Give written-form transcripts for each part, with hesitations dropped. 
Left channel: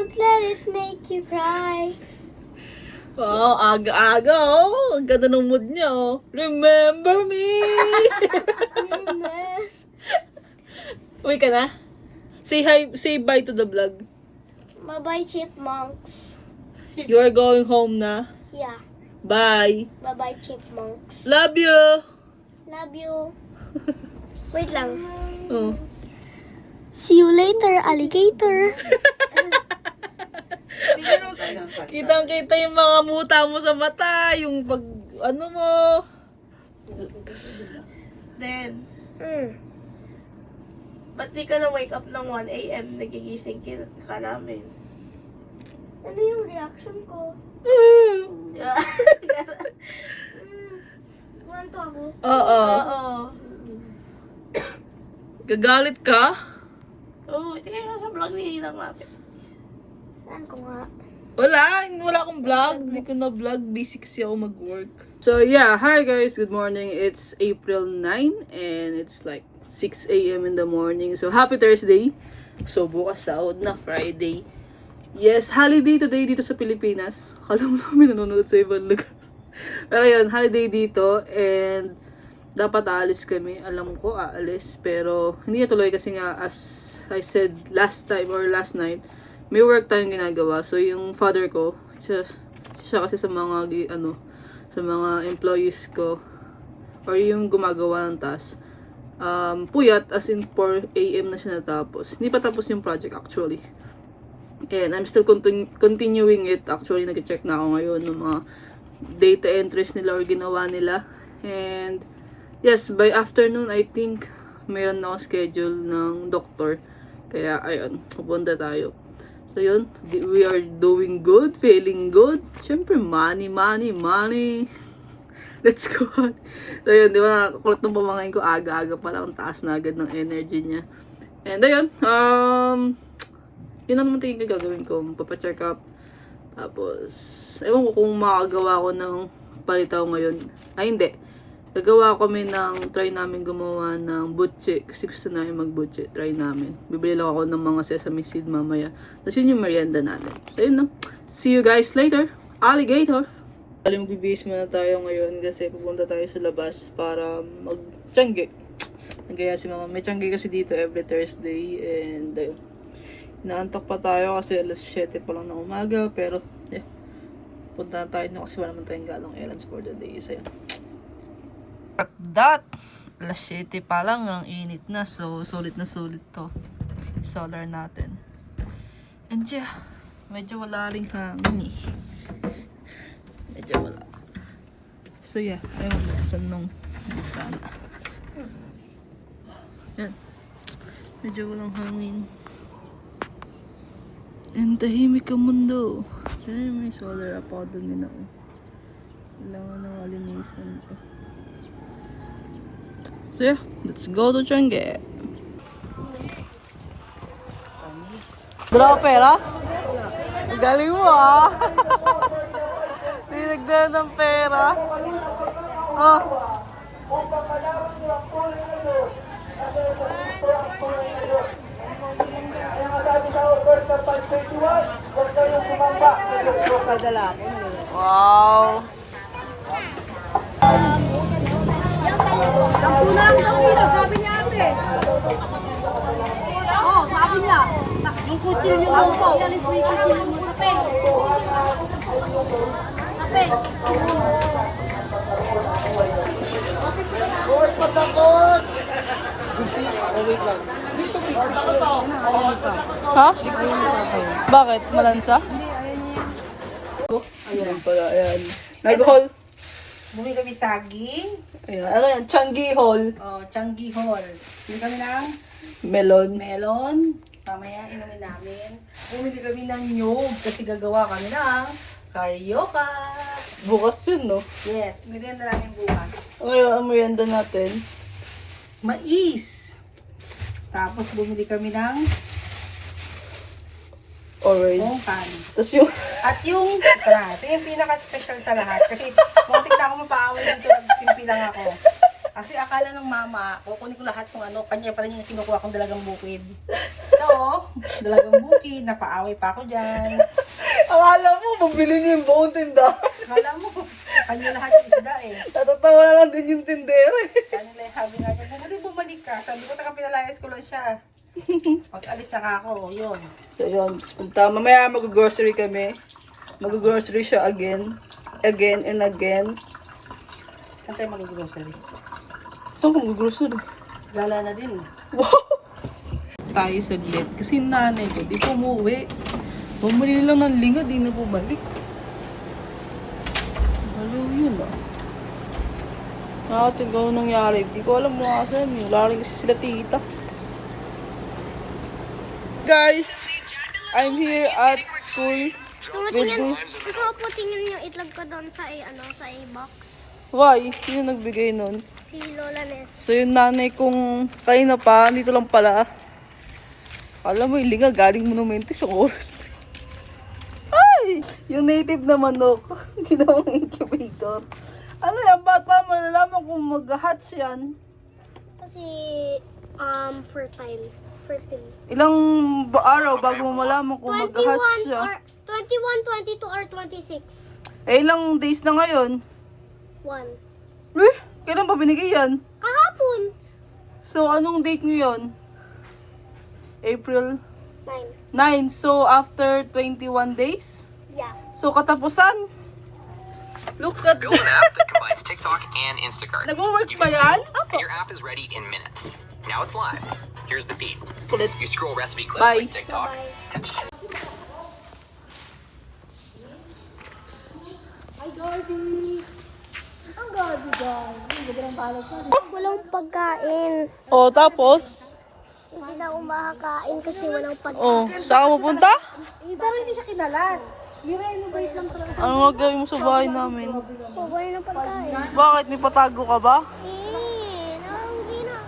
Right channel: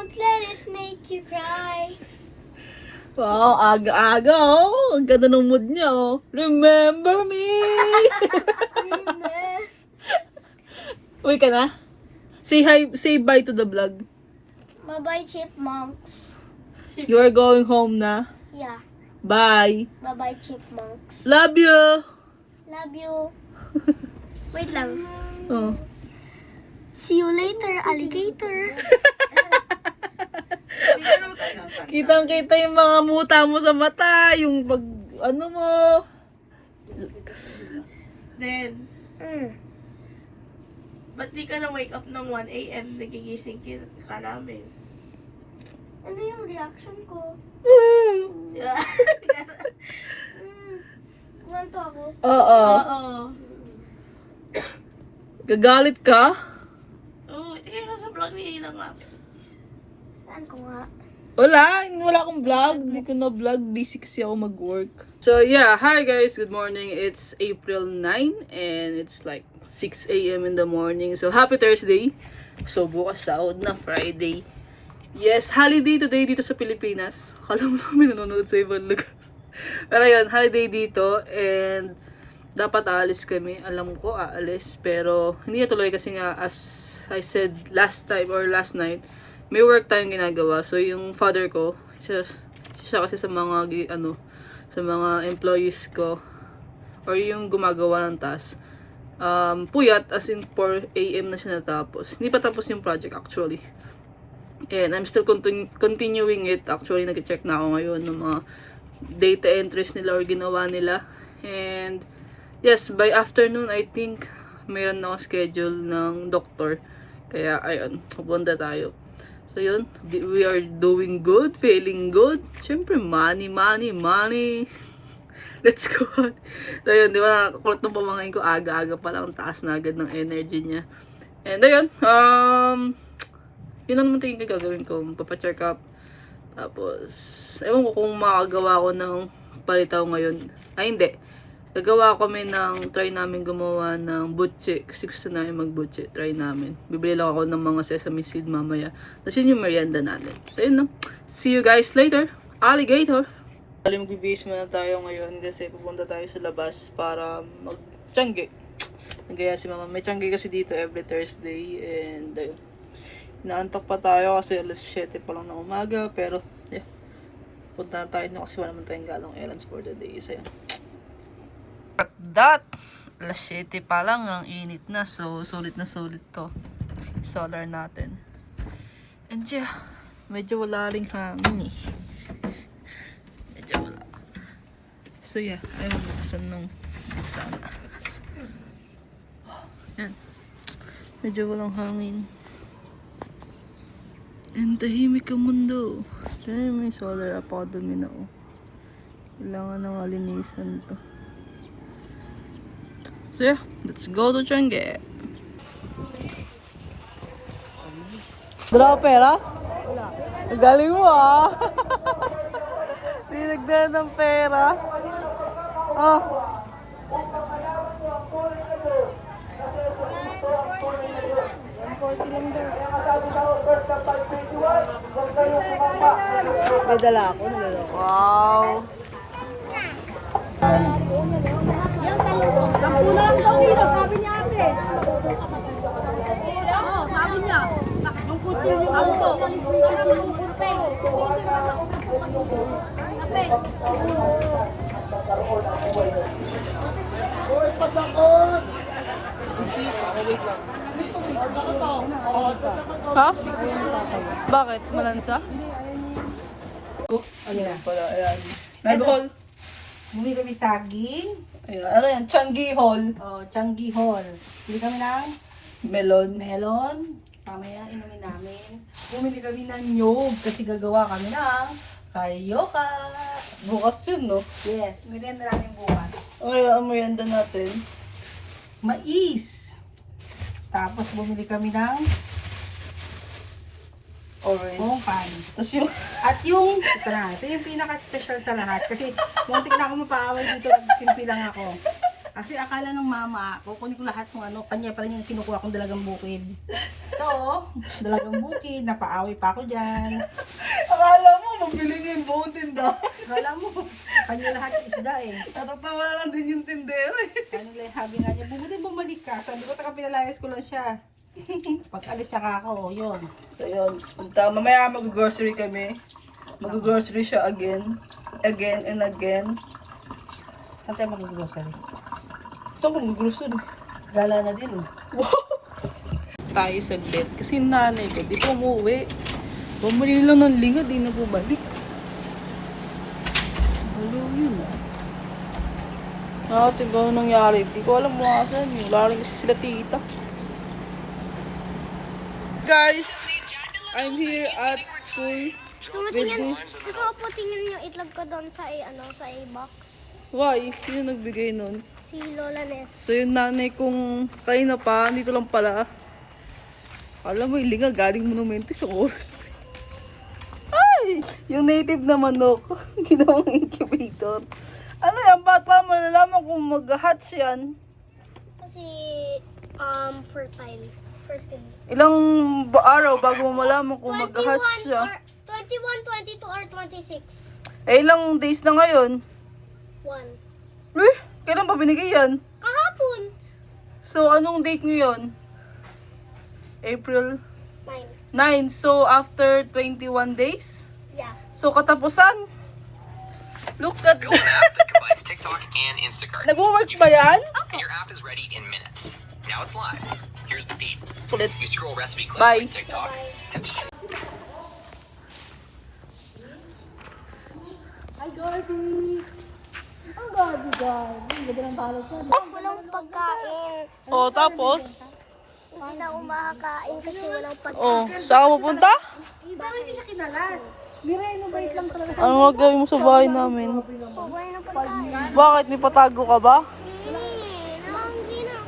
Don't let it make you cry. Wow, aga-aga oh. Ang ganda ng mood niya oh. Remember me! Uy ka na? Say hi, say bye to the vlog. Bye-bye, chipmunks. You are going home na. Yeah. Bye. Bye-bye, chipmunks. Love you. Love you. Wait lang. Oh. See you later, alligator. Kitang-kita yung mga muta mo sa mata, yung pag, ano mo. Then, ba't di ka na wake up ng 1 a.m. nagigising ka namin? Ano yung reaction ko? Ganto ako. Oo. Oo. Gagalit ka? Oo, hindi kayo sa vlog ni Hirang Mapit. Saan ko nga? Wala akong vlog. Hindi ko na vlog. Busy kasi ako mag-work. So yeah, hi guys. Good morning. It's April 9 and it's like 6 a.m. in the morning. So happy Thursday. So bukas sahod na Friday. Yes, holiday today dito sa Pilipinas. Kala mo namin nanonood sa ibang lugar. Pero yun, holiday dito and dapat aalis kami. Alam ko aalis pero hindi natuloy kasi nga as I said last time or last night, may work tayong ginagawa. So yung father ko, siya kasi sa mga sa mga employees ko or yung gumagawa ng task. Puyat as in 4 a.m. na siya natapos. Hindi pa tapos yung project actually. And I'm still continuing it. Actually, nag-check na ako ngayon ng mga data entries nila or ginawa nila. And yes, by afternoon, I think mayroon na akong schedule ng doctor. Kaya ayun, pupunta tayo. So yun, we are doing good, feeling good. Siyempre, money. Let's go. So yun, di ba nakakulot ng pamangkin ko, aga-aga pa lang, taas na agad ng energy niya. And ayun, yun ang naman tingin ko gagawin ko, papacheck up. Tapos, ewan ko kung makagawa ko ng palitaw ngayon. Ay, hindi. Gagawa kami try namin gumawa ng butche. Kasi gusto namin mag-butche. Try namin. Bibili lang ako ng mga sesame seed mamaya. Tapos yun yung merienda natin. So yun no. See you guys later. Alligator! Bali magbibihis muna tayo ngayon kasi pupunta tayo sa labas para mag-tiyangge. Nagaya si mama. May tiyangge kasi dito every Thursday. And ayun. Naantok pa tayo kasi alas 7 pa lang ng umaga. Pero yeah. Punta na tayo na kasi wala naman tayong galong errands for the day. So yun. That, alas 7 pa lang, ang init na. So, sulit na sulit to. Solar natin. And yeah, medyo wala ring hangin eh. Medyo wala. So yeah, ayaw maglasan nung bintana. Yan. Medyo walang hangin. And tahimik ang mundo. Tignan mo yung solar ako dumi na oh. Kailangan ng alinisan to. So yeah, let's go to Tiangge. Dala ka pera? Galing mo ah. Dinagdagan ng pera. Oh. May dala ako. Wow. Kulang daw kilo, sabi niya ate. Oo, sabi niya. Yung kutsilyo lang po. Alis mo yung kutsilyo mo sa pen. Ape. Ha? Bakit? Malansa? Oh, ayan pala, ayan. Nag-haul. Bumili kami saging. Ayan, ano yan? Changi haul. Oh, Changi Hall. Bumili kami ng Melon. melon. Mamaya inumin namin. Bumili kami ng nyog kasi gagawa kami ng karyoka. Bukas yun, no? Yes, merienda namin bukas. Okay, ang merienda natin. Mais. Tapos bumili kami ng Orange. pongkan. Tapos yung... At yung, ito yung pinaka-special sa lahat. Kasi muntik na ako mapaaway dito, nagsimpi lang ako. Kasi akala ng mama, kukunin ko lahat kung ano, kanya pa rin yung kinukuha kong dalagang bukid. Ito, Dalagang bukid, napaaway pa ako dyan. Akala mo, mabili niyo yung buong tinda. Akala mo, kanya lahat yung isda eh. Natatawa na lang din yung tindero eh. Kanila yung habi nga niya, bumalik ka. Sabi ko, pinalayas ko lang siya. Pag alis saka ako, yun. So yun, punta. Mamaya mag-grocery kami. Mag-grocery siya again. Again and again. Saan tayo mag-grocery? Saan ko mag-grocery? Gala na din. Wow! Tayo saglit. Kasi yung nanay ko, di po umuwi. Bumili lang ng linga, di na bumalik. Baliw yun ah. Nakakating gano'n nangyari. Di ko alam mga saan. Wala rin kasi sila tita. Guys, I'm here at school. Gusto ko po tingin yung itlog ko doon sa sa box. Why? Sino nagbigay nun? Si Lola Nes. So yung nanay kong kanina pa, dito lang pala. Alam mo, yung linga galing monumento sa oras. Ay! Yung native na manok, ginawang incubator. Ano yan? Ba't pa malalaman kung mag-hatch yan? Kasi, fertile. Ilang araw bago mo malaman kung mag-hatch siya? 21, 22, or 26. Eh, ilang days na ngayon? 1. Eh, kailan pa binigay yan? Kahapon. So, anong date ngayon? April 9. 9. So, after 21 days? Yeah. So, katapusan? Look at Build an app that combines TikTok and Instacart. Nag-work ba yan? And your app is ready in minutes. Now it's live. Here's the feed. Kulit. You scroll recipe clips Bye. like TikTok. Hi, Garby. Ang Garby, Garby. Ang ganda ng balot ko. Walang pagkain. Oh, tapos? Hindi na ako makakain kasi walang pagkain. Oh, saan ka pupunta? Pero hindi siya kinalas. Nirenovate lang to. Ano nga gawin mo sa bahay namin? Oh, wala na pagkain. Bakit? May patago ka ba? Nanganggi na.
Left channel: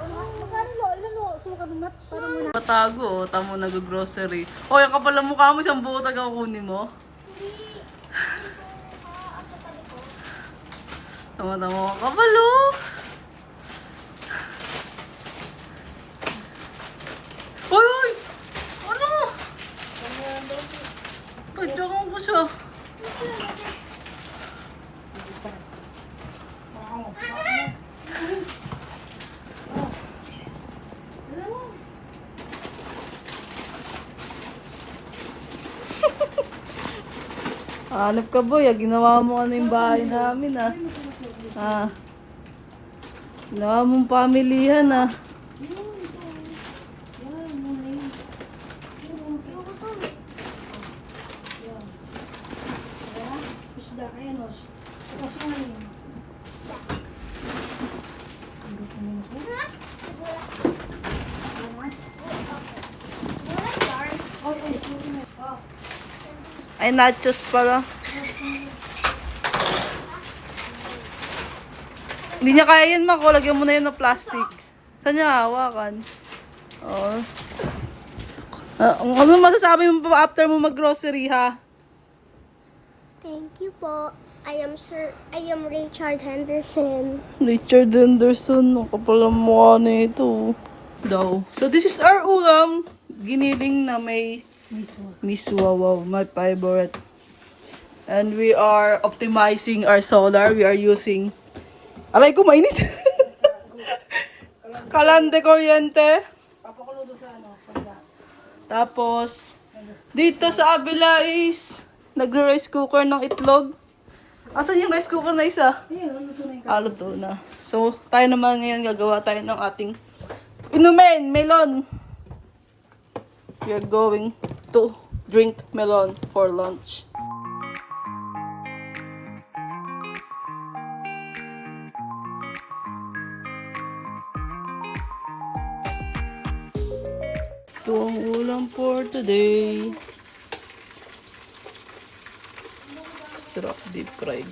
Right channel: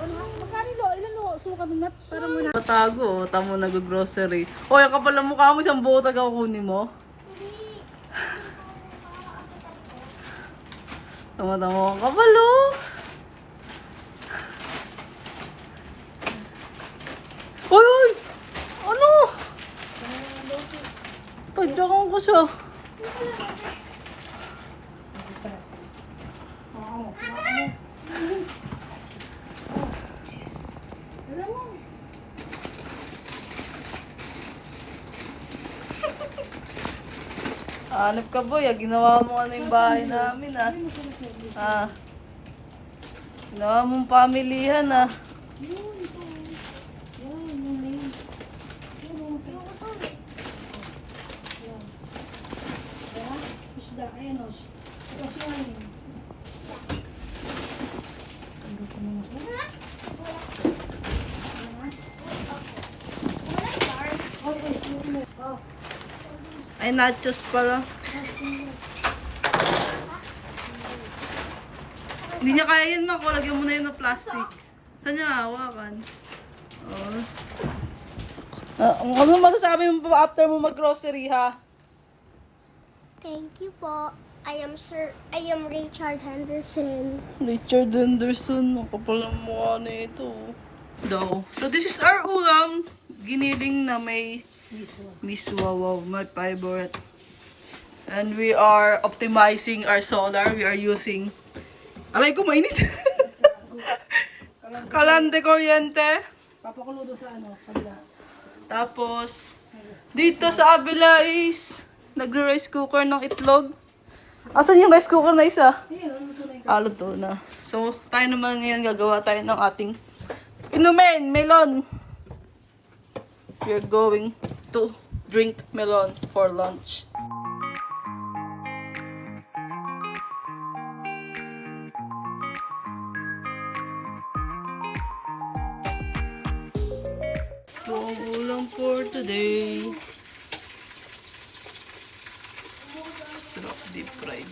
Patago, oh. Tamo nag-grocery. Oh, yung kapal ng mukha mo, isang buo taga kunin mo. Tama-tama ka kapal, oh. Uy, uy! Ano? Tadyakan ko siya. Hanap ka boy, ginawa mo ano yung bahay namin ah. Ah. Ginawa mong pamilihan ah. Isda, ayan o. Ito siya ngayon. Ay, nachos pala. Hindi niya kaya yun, Mako. Lagyan mo na yun ng plastic. Saan niya hawakan? Oh. Ano masasabi mo pa after mo mag-grocery, ha? Thank you po. I am Richard Henderson. Richard Henderson. Ang kapal ang mukha na ito. Daw. So, this is our ulam. Giniling na may miswa. Wow, my favorite. And we are optimizing our solar. We are using... Aray ko, mainit. Kalande kuryente. Papakulo doon sa ano, kabila. Tapos, dito sa abila is nagre-rice cooker ng itlog. Asan yung rice cooker na isa? Luto na. So, tayo naman ngayon gagawa tayo ng ating inumin, melon. We are going to drink melon for lunch. Itong ulam for today. Sarap deep fried.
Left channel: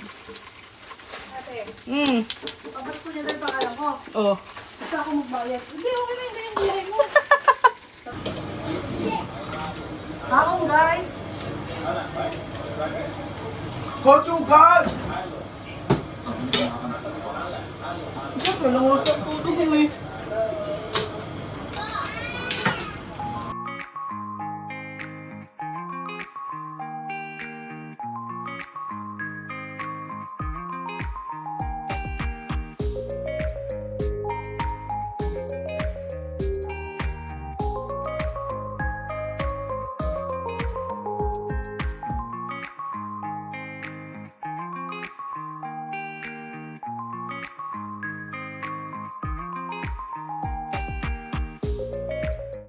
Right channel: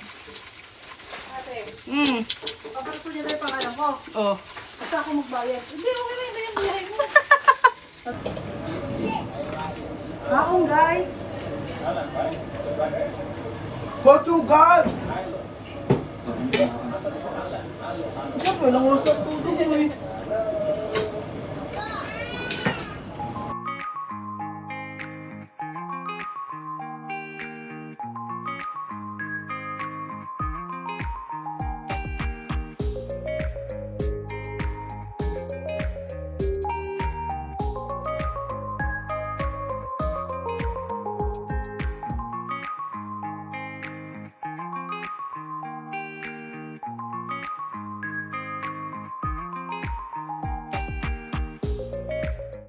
Papalit ko niya tayo pangalan ko. Oh. Basta ako magbayad. Hindi, okay na yung buhay mo. Haon guys. Portugal! Siyempre, lang usap ko ito eh.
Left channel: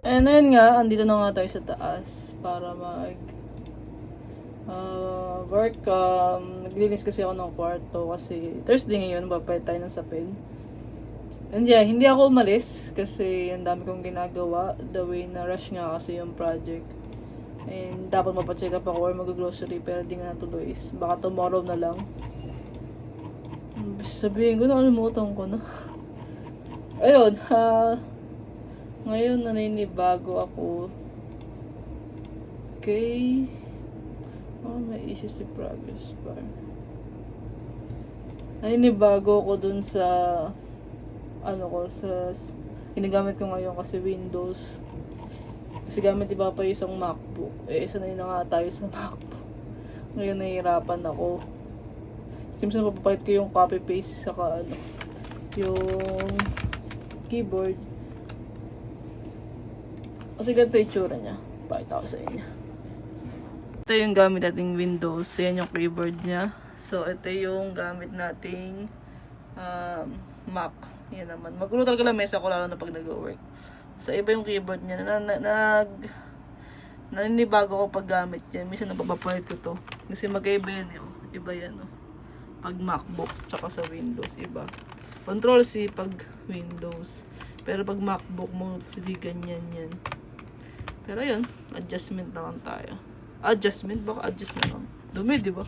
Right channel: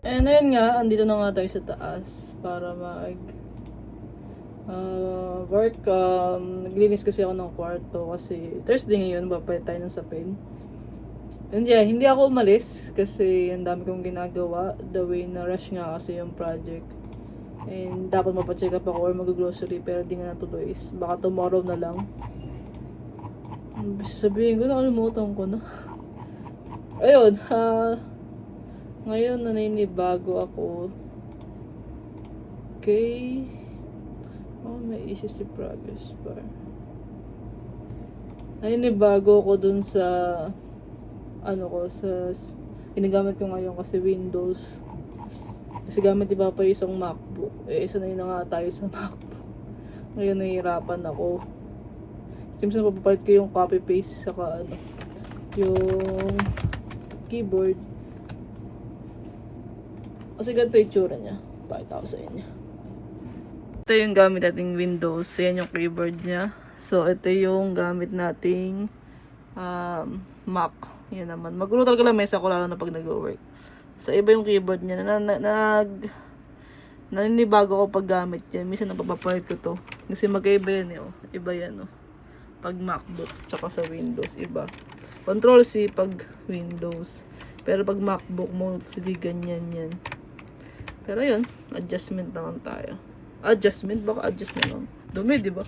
And ayun nga, andito na nga tayo sa taas para work. Naglinis kasi ako ng kwarto kasi Thursday ngayon, babay tayo ng sapin. And yeah, hindi ako umalis kasi ang dami kong ginagawa. The way na rush nga kasi yung project. And dapat mapacheck up ako or mag-grocery pero di nga natuloy. Baka tomorrow na lang. Sabihin ko, nakalimutan ko na. Ayun, ngayon naninibago ako. Okay. Oh, may issues si progress bar. Naninibago ako dun sa ginagamit ko ngayon kasi Windows. Kasi gamit iba pa yung isang MacBook. Isa na yun na nga tayo sa MacBook. Ngayon nahihirapan ako. Seems na papapalit ko yung copy paste saka yung keyboard. Kasi ganito yung tsura niya. Pakita ko sa inyo. Ito yung gamit nating Windows. Yan yung keyboard niya. So, ito yung gamit nating Mac. Yan naman. Magulo talaga lang mesa ko lalo na pag nag-work. So, iba yung keyboard niya. Naninibago ko pag gamit yan. Minsan napapapalit ko to. Kasi magkaiba yan eh. Oh. Iba yan oh. Pag MacBook tsaka sa Windows. Iba. Control C pag Windows. Pero pag MacBook mo, hindi ganyan yan. Pero yun, adjustment naman tayo. Adjustment? Baka adjust na lang. Dumi, di ba?